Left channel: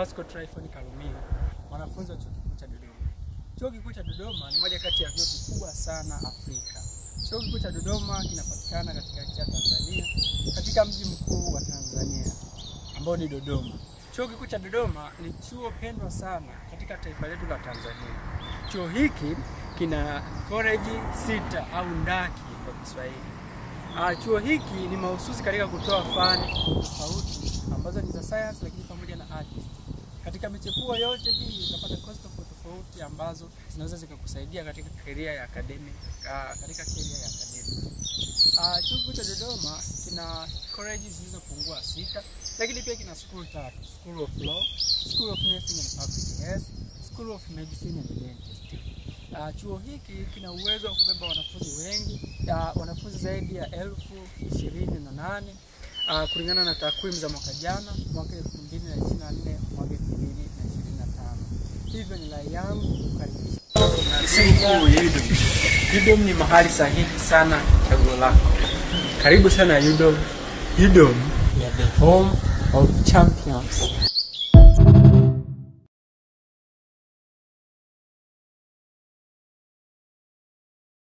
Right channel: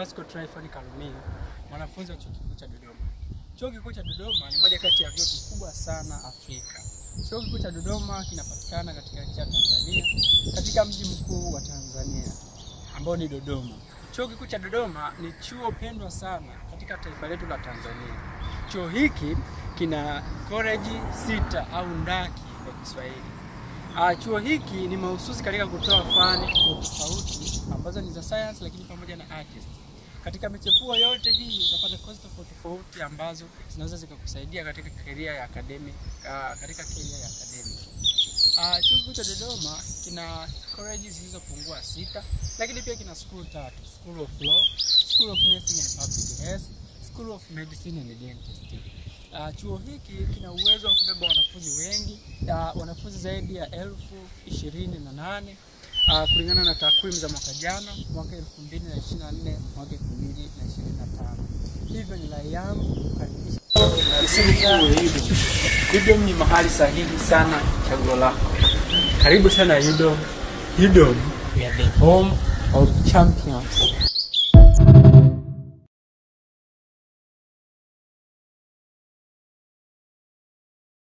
Pascal Tryphon Kalumiga, mwanafunzi wa Chuo Kikuu cha Dodoma. Chuo Kikuu cha Dodoma ni moja kati ya vyuo vikubwa sana Afrika. Chuo Kikuu cha Dodoma kinapatikana katika nchi ya Tanzania, katika mji mkuu wa Tanzania ambao ni Dodoma. Chuo Kikuu cha Dodoma ni chuo pendwa sana katika taifa letu la Tanzania. Chuo hiki kina college 6 au ndaki kwa Kiswahili. Chuo hiki ni mahususi katika kutoa fani tofauti ambazo ni za science lakini pamoja na arts. Katika michepuo yote hii utapata course tofauti ambazo zinaweza zikakusaidia katika career ya academic, Chuo Kikuu cha Dodoma kina colleges zilizopungua 6, lakini pia kina school 3: School of Law, School of Nursing and Public Health, School of Medicine and Dentistry. Chuo hiki kina uwezo wa kubeba wanafunzi wengi, wanafunzi zaidi ya 1028 kulingana na takwimu za mwaka jana, mwaka 2024, mwaka 2025. Hivyo ni rai yangu kukaribisha UDOM. Ni mahali sahihi sana chaguo lako. Karibu sana UDOM. UDOM, we are the home of champions.